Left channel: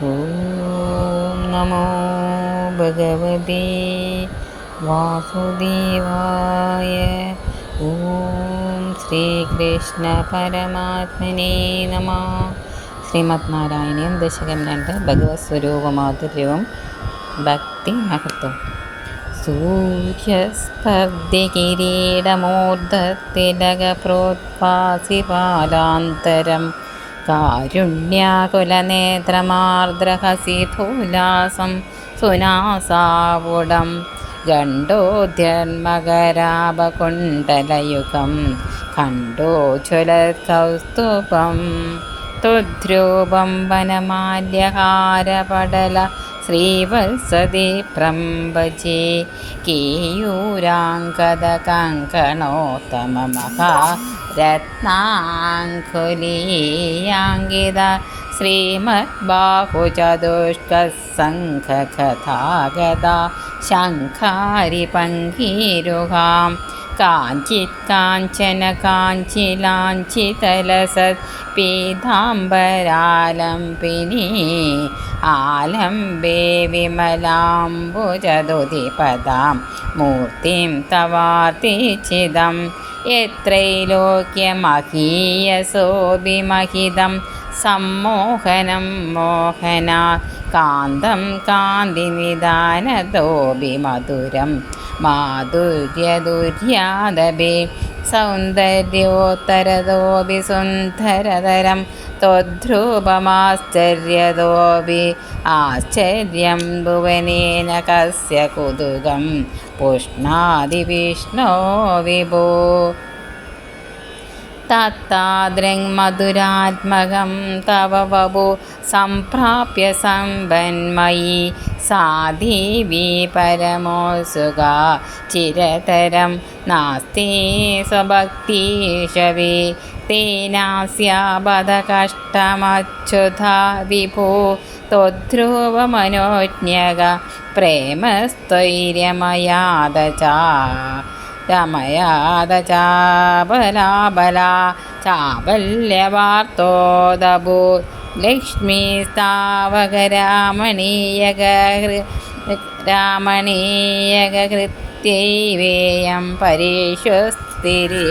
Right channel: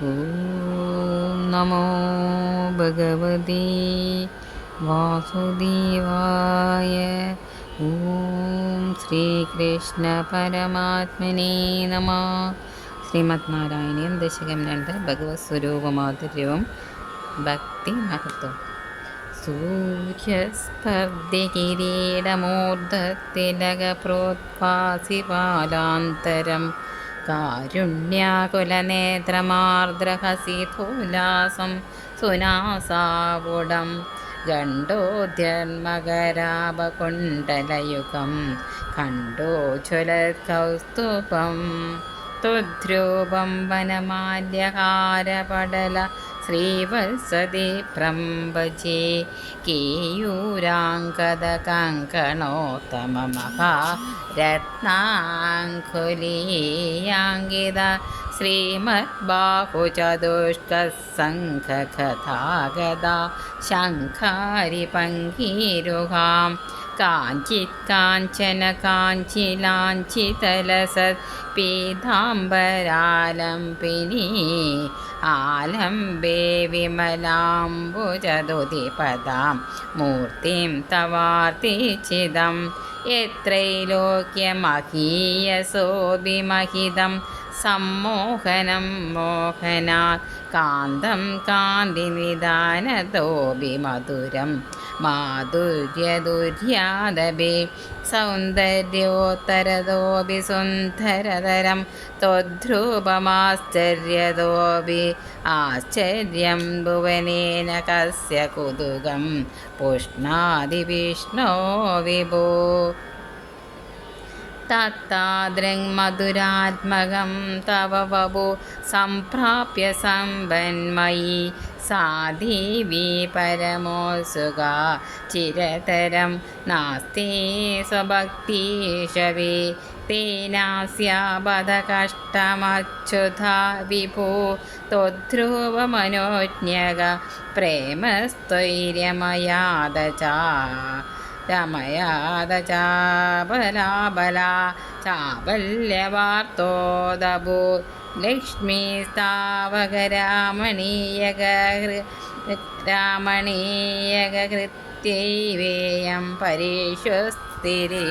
ഓം നമോ ഭഗവതി വാസുദേവായ ഓം ശ്രീകൃഷ്ണ പരമാത്മനെ നമ ശ്രീമത് നാരായണീയം ദശകം രണ്ട് ഭഗവത് സ്വരൂപമാധുര്യവും ഭക്തി മഹത്വം സൂര്യസ്പർദ്ദികിരീടമൂർധത്തിലകപ്രോത്പാസിപാലാന്തരം കാരുണ്യാകുലനേത്രമാർദ്രഹസിധൂലാസം സുനാസാവുടം ഗണ്ഡോദ്യന്മകരാപകുണ്ടലയുഗം ഖണ്ഡോജ്വലകൗസ്തുഭം തുദ്രൂപം വനമാല്യഹാരപടല ശ്രീവത്സതി പ്രംബജി കേയൂരാങ്കദകങ്കണോത്തമമഹാ രത്നാങ്കുലീയാങ്കിത ശ്രീമദ്ബാഹുചതുഷ്കസംഘകഥാഗത ശംഖാരി പങ്കീരുഹാം കാഞ്ചിത് കാഞ്ചന കാഞ്ചിലാഞ്ചിതലസത് आलम्बे ആലംബേ मूर्तिं तवार्तिचिदं തവാർത്തിച്ചിതം सम्मोहनं സമ്മോഹനം മോഹന കാന്തം കാന്തിനിദാനതോപി മധുരം മാധുര്യദുര്യാദപി സൗന്ദര്യോത്തരതോപി സുന്ദരതരം त्वद्ध्रुवमाश्चर्यतोऽपि आश्चर्यं भुवनेन कस्य कुतुकं पुष्णादिविष्णो विभो तत्तादृङ्मधुरात्मकं तव वपु सम्प्राप्य सम्पन्मयी സാദേവി പരമോത്സുക. ചിരതരം നാസ്തി സ്വഭക്തിഷവേ തേനാസ്യാപദകഷ്ടമച്യുത വിഭോ. ത്വധ്രുവമനോജ്ഞക. പ്രേമസ്ഥൈര്യമയാദ ച രമയാത ചാപലാബല ചാപല്യവാർത്തോദഭൂ ലക്ഷ്മി സ്ഥാവകരാമണീയക രാമണീയകൃത്യൈവേയം പരീക്ഷുസ്ഥിരേ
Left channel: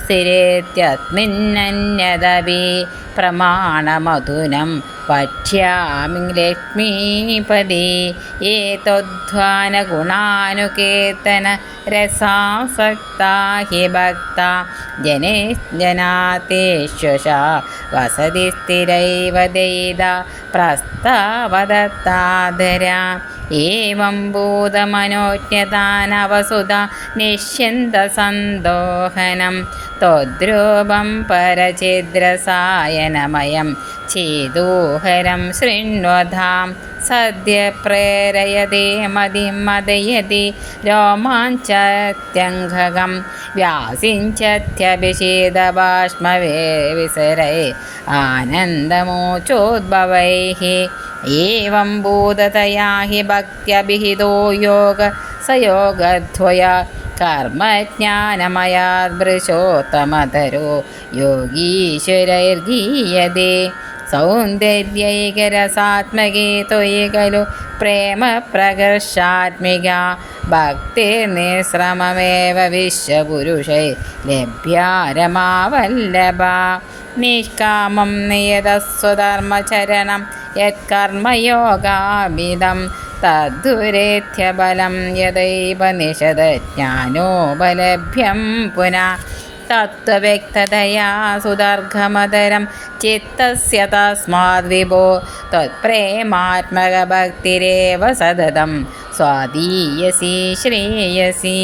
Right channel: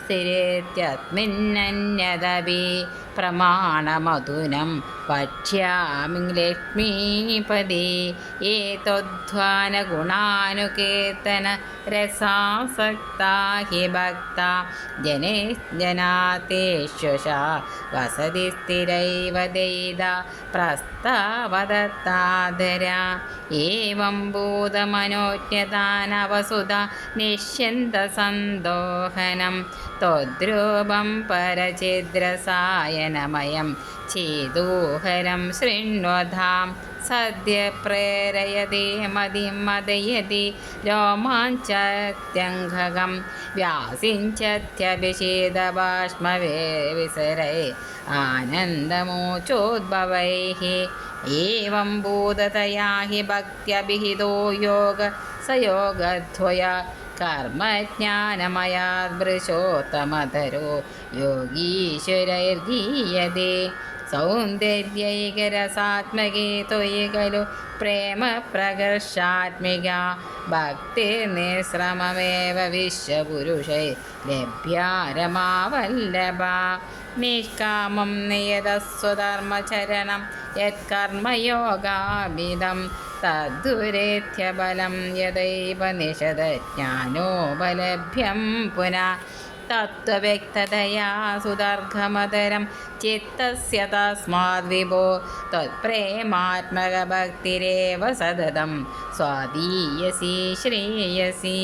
സ്ഥിരേത്യസ്മിന്നന്യതപി പ്രമാണമധുനം पठ्यामि लक्ष्मीपदे एतोद्ध्वानगुणानुकीर्तनरसासक्ता हि भक्ता जने जनातेष्वशा वसति स्थिरैव दयिदा प्रस्तावदत्ताधरा एवं भूतमनोज्ञतानवसुधा निश्यन्तसन्दोहनं तद्रूपं परचिद्रसायनमयं चेदोह चेदोहरं शृण्वधां सद्य प्रेरयते मदिं मदयति रोमाञ्चत्यङ्घगं व्यासिञ्चत्यभिषेदबाष्मवे विसरै आनन्दमोचोद्भवैः एवं भूततया हि भक्त्यभिहितो योग स योगध्वया कर्मज्ञानमयादृशोत्तमधरो योगीश्वरैर्गीयते സൗന്ദര്യൈകരസാത്മകേ ത്വയി ഖലു പ്രേമപ്രകർഷാത്മിക ഭക്തിർനിശ്രമമേവ വിശ്വപുരുഷൈ ലഭ്യാരമാവല്ലഭ. നിഷ്കാമം നിയതസ്വധർമ്മചരണം യത്കർമ്മയോഗാമിതം തദ്ദുരേഥ്യബലം യഥൈവ നിഷദജ്ഞാനോപലഭ്യം പുനഃ തത്വവ്യക്തതയാ സുദർഘമതരം ചിത്തസ്യ തസ്മാത് വിഭോ തത്പ്രേമാത്മകഭക്തിരേവ സതതം സ്വാധീയസി ശ്രേയസി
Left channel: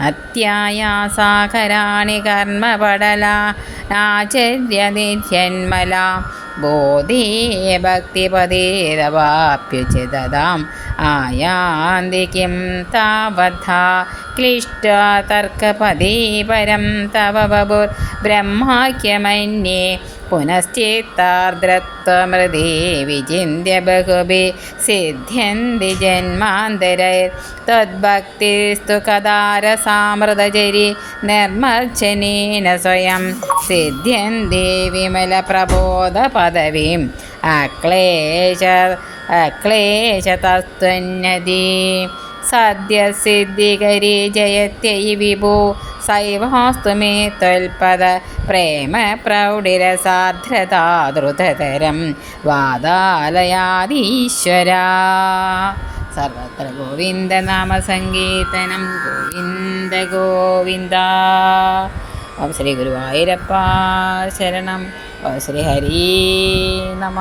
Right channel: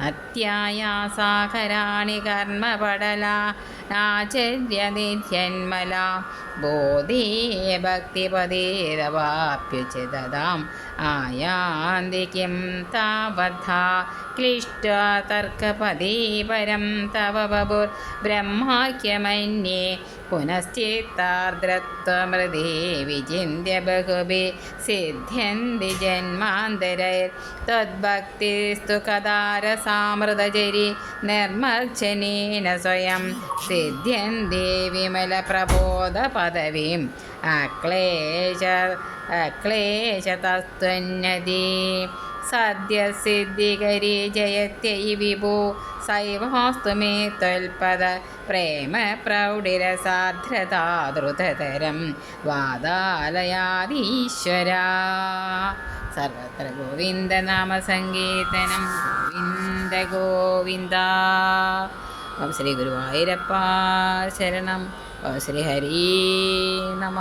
അത്യായാസാകരാണി കർമ്മപടല നാചര്യതിഥ്യന്മല बोधे भक्तिपदेरवाप्युचिददाम् आयान्ति किं तावथा क्लिष्टा तर्कपदे परं तव बभुर्ब्रह्माख्यमन्ये പുനശ്ചേത്താർദ്രത്വമൃതി വിചിന്യ ബഹുഭി സിദ്ധ്യന്തി ജന്മാന്തരൈർത്തദ്ഭക്തിസ്തു കഥാരസാമൃതചരി നിർമ്മർച്ചനീന സ്വയം സിദ്ധ്യന്തി വിമലപ്രബോധ പദവീം അക്ലേശ അക്ലേശതസ്ത്വന്നതി സദ്യസിദ്ധികരി ജയത്യൈ വിഭൂ സൈവാസ്തു മേ ത്വൽപദ പ്രേമ പ്രൗഢിരസാർദ്രതാദ്രുതതരം വാദാലയാദീശ്വര സർവത്ര ഗോവിന്ദ നാമ സങ്കീർത്തനം ഗോവിന്ദ ഗോവിന്ദ ഓം ശ്രീ ഗുരുവായൂരപ്പ ശരണം. ഓം ശ്രീ ഹരി നമ.